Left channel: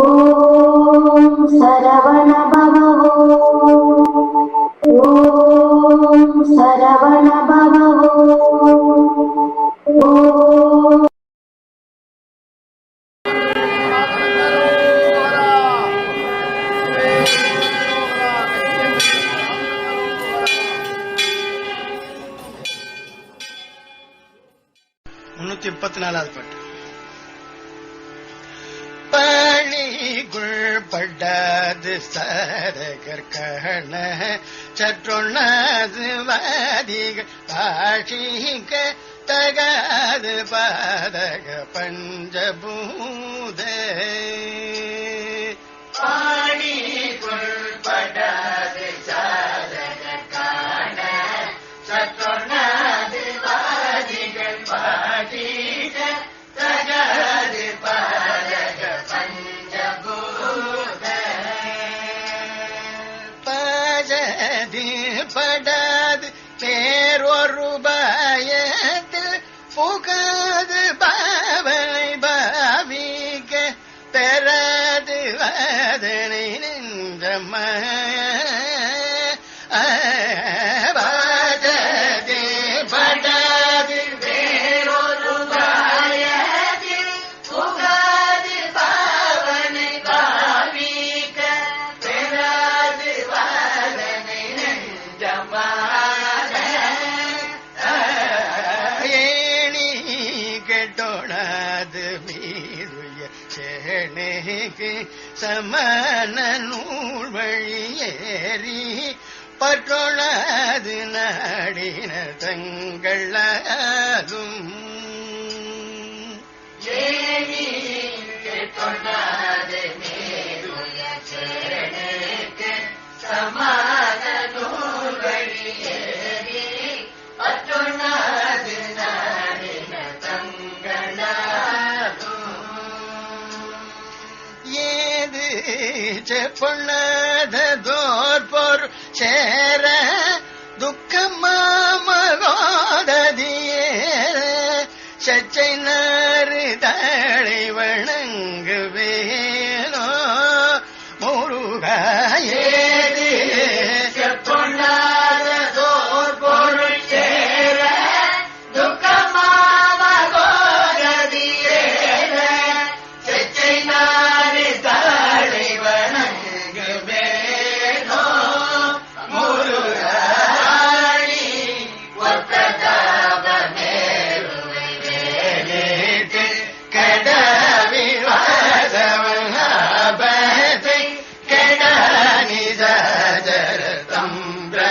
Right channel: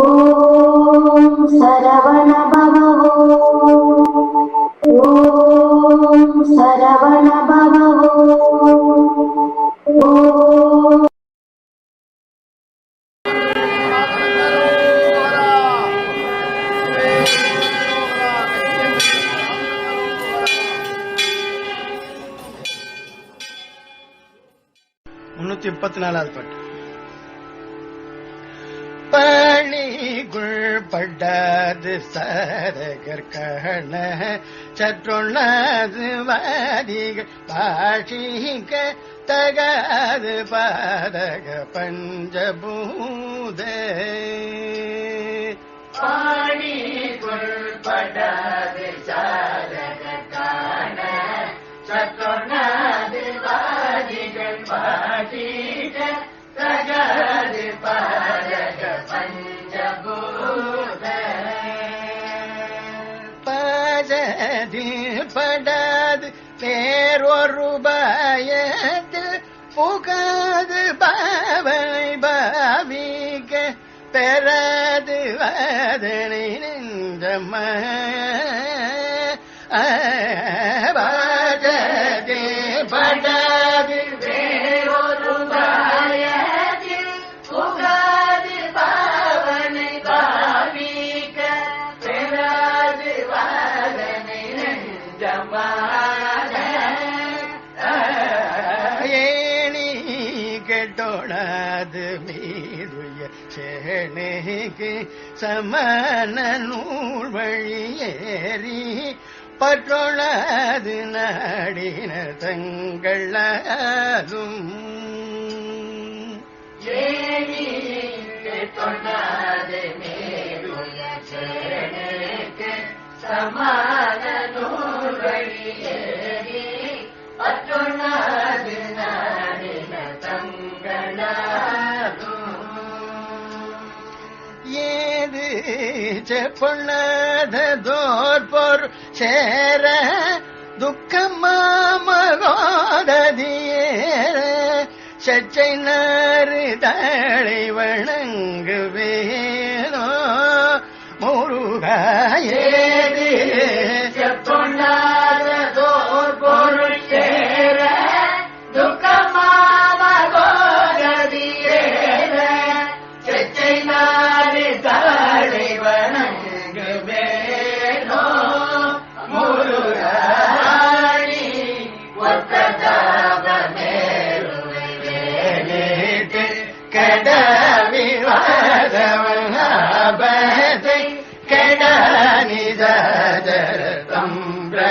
ஓம் சரவண பவோ ஓம் சரவண பவோ ஓம் முன்னூத்தி முப்பத்தி நாலாவது பாட்டு பணிகுள் படாது சாரகர் கண சற்றொண்ணாது வாதிகள் பாஷிக்க தகாது பாதக பஞ்சபூத பாஜதி படாது தேரொரு பயத்தில் புகாது பாவனை பாவிக்க பெறாது வாதனை நின்ற சமண நூல் வழியேறி பற்றொழது நாடின தங்களாலும் ஏணி சமான நூல் வழியேறி பற்றொண்ணாது ஏது சேர துக்கமாமகோததியேற சச்சை நாறு தழை வணங்குவேனோ முருகா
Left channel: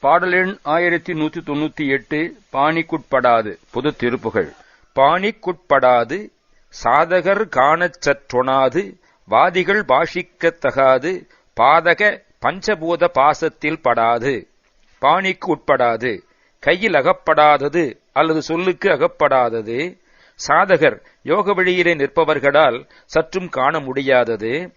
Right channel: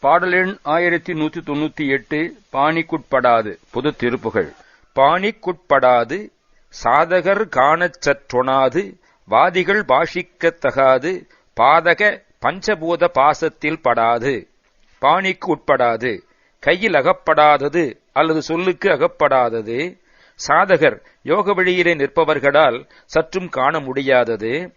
பாடல் எண் ஆயிரத்தி நூத்தி தொண்ணூற்றி எட்டு பாணிக்குட்படாது. பொது திருப்புகள். பாணிக்குட்படாது சாதகர் காணச் சற்றொணாது வாதிகள் பாஷிக்கத் தகாது பாதக பஞ்சபூத பாசத்தில் படாது. பாணிக்கு உட்படாது கையில் அகப்படாதது அல்லது சொல்லுக்கு அகப்படாதது. சாதகர் யோக வழியிலே நிற்பவர்களால் சற்றும் காண முடியாதது.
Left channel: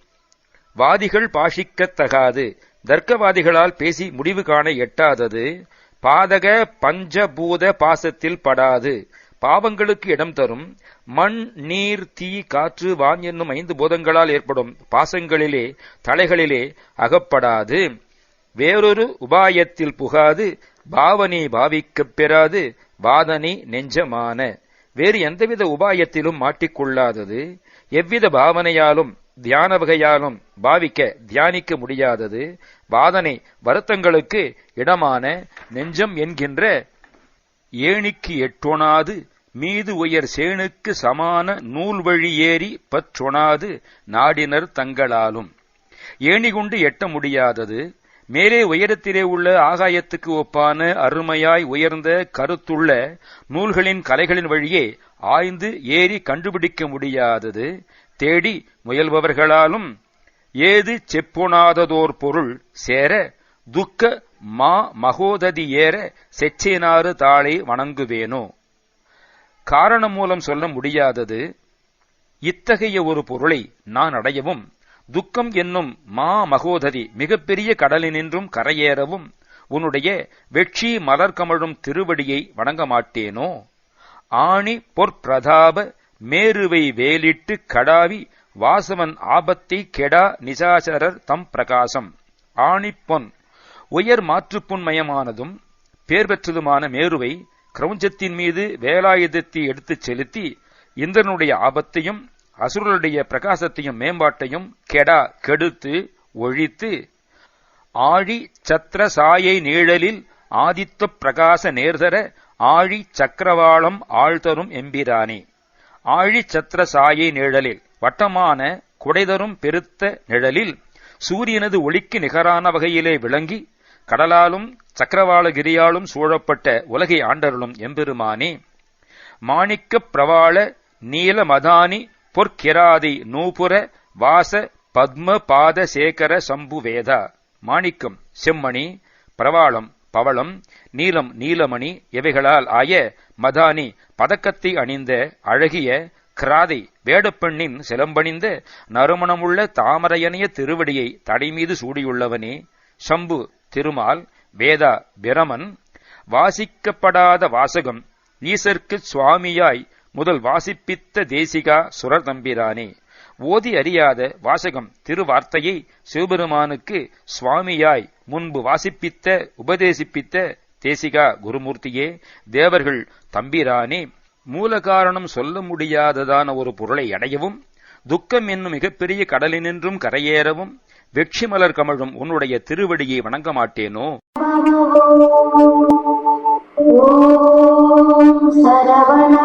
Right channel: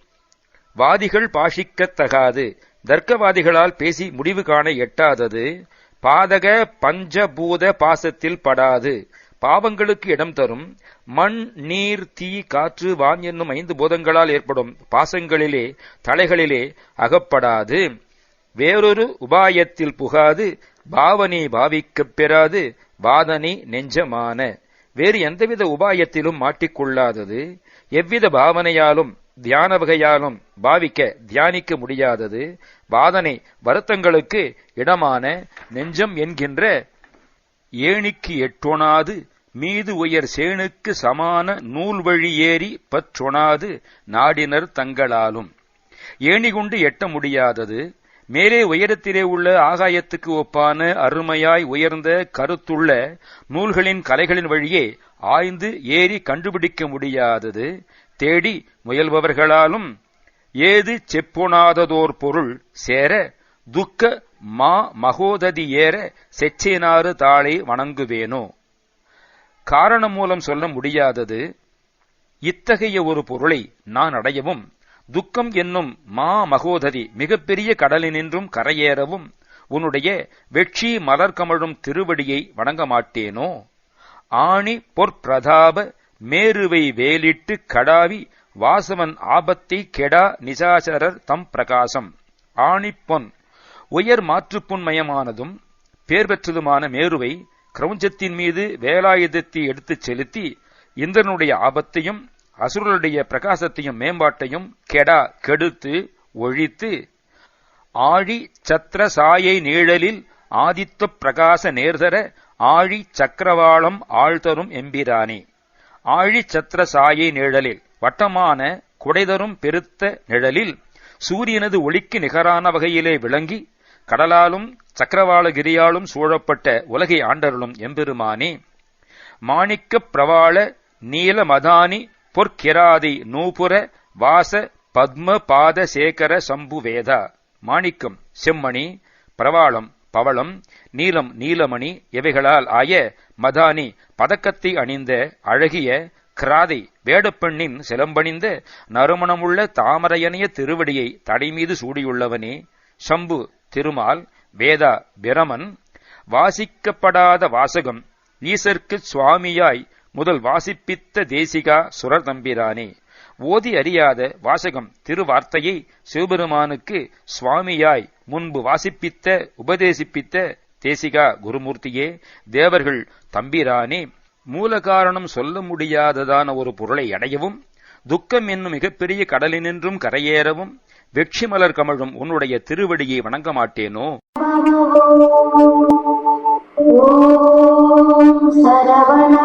வாதிகள் பாஷிக்கத் தகாது தர்க்கவாதிகளால் பேசி முடிவு காண எட்டாதது பாதக பஞ்சபூத பாசத்தில் படாது. பாவங்களுக்கு இடம் தரும். மண் நீர் தீ காற்று வான் என்னும் ஐந்து பூதங்களால் ஏற்படும் பாசங்களிலே தலைகளிலே அகப்படாது. வேறொரு உபாயத்தில் புகாது. பாவனை பாவிக்கப் பெறாது. வாதனை நெஞ்சமான. வேறு எந்தவித உபாயத்திலும் மாட்டிக்கொள்ளாதது. எவ்வித பாவனையாலும் தியான வகையாலும் பாவிக்க தியானிக்க முடியாதது வாதனை வருத்தங்களுக்கு இடமான நெஞ்சம் என்கின்ற ஏணிக்கு எட்டொணாது மீது உயர் சேனுக்கு சமான நூல் வழி ஏறி பற்றொணாது நாடினர் தங்களாலும். ஏணி கொண்டு எட்ட முடியாதது மேலே உயரத்திலே உள்ள ஆகாயத்துக்கு ஒப்பான அருமையாய் உயர்ந்த கருத்துள்ள நூல்களின் கலைகளின் வழியே ஆய்ந்து ஏறி கண்டுபிடிக்க முடியாதது தேடி முயல்பவர்களாலும் ஏது செப்பொணாததோர் பொருள் சேர துக்க மா மகோததி ஏற செச்சேனாறு தாளை வணங்குவேனோ? காரணம் மூலம் சொல்ல முடியாதது இத்தகைய ஒரு பொருளை நான் அடையவும் துக்கம் என்னும் மா மகோததி மிகப்பெரிய கடலினின்றும் கரையேறவும் உன்னுடைய வெற்றி மலர்கமழும் திருவடியை வணங்க மாட்டேனோ? ஆணி பொற்பிரதாப மேருவை வேலிட்டு கடாவி வாசவன் ஆபத்தை கெடா நிசாசரர் தம் பிரகாசம். ஆணிப்பொன் உயர் மாற்றுப்புண்மயமானதும் பேர் பெற்றதுமான மேருவை கிரௌஞ்சத்தின் மீது வேலாயுதத்தை எடுத்துச் செலுத்தி இந்திரனுடைய ஆபத்தையும் அசுரனுடைய பிரகாசத்தையும் மேம்பாட்டையும் கெடா கெடுத்து ஒழித்து ஆழி சத்திர சாயை நீழலில் ஆதித்த பிரகாச நேர்தர ஆழி சக்கரவாளம் ஆழ்தரும் எம்பிரானே. ஆழிச்சத்திர சாயை நிழலில் வட்டமான குடைதரும் பெருத்த நிழலில் சூரியனது ஒளிக்கு நிகரான வகையிலே விளங்கி கடலாலும் சக்கரவாளகிரியாலும் சூழப்பட்ட உலகை ஆண்டருளும் எம்பெருமானே. மாணிக்கப் பிரவாள நீல மதானி பொற்கிராதி நூபுர வாச பத்ம பாத சேகர சம்புவேதா. மாணிக்கம் செம்மணி பிரவாளம் பவளம் நீலம் நீலமணி இவைகளால் ஆய மதானி பதக்கத்தை அணிந்த அழகிய கிராதை வேடப்பெண்ணின் சிலம்பணிந்த நறுமணமுள்ள தாமரையனைய திருவடியை தடைமீது சூடியுள்ளவனே சம்பு திருமால் வேதா பிரமன் வாசிக்கப்படாத வாசகம் ஈசர்க்கு சுவாமியாய் முதல் வாசிப்பித்த தேசிகா சுரர் தம்பிரானே. ஓதி அறியாத வாசகம் திருவார்த்தையை சிவபெருமானுக்கு சுவாமியாய் முன்பு வாசிப்பித்த உபதேசிப்பித்த தேசிகா குருமூர்த்தியே தேவர்கள் தம்பிரானே மூல காரணம் சொல்ல முடியாததான ஒரு பொருளை அடையவும் துக்கம் என்னும் மிகப்பெரிய கடலினின்றும் கரையேறவும் வெற்றி மலர் கமழும் உன்னுடைய திருவடியை வணங்க மாட்டேனோ சரவண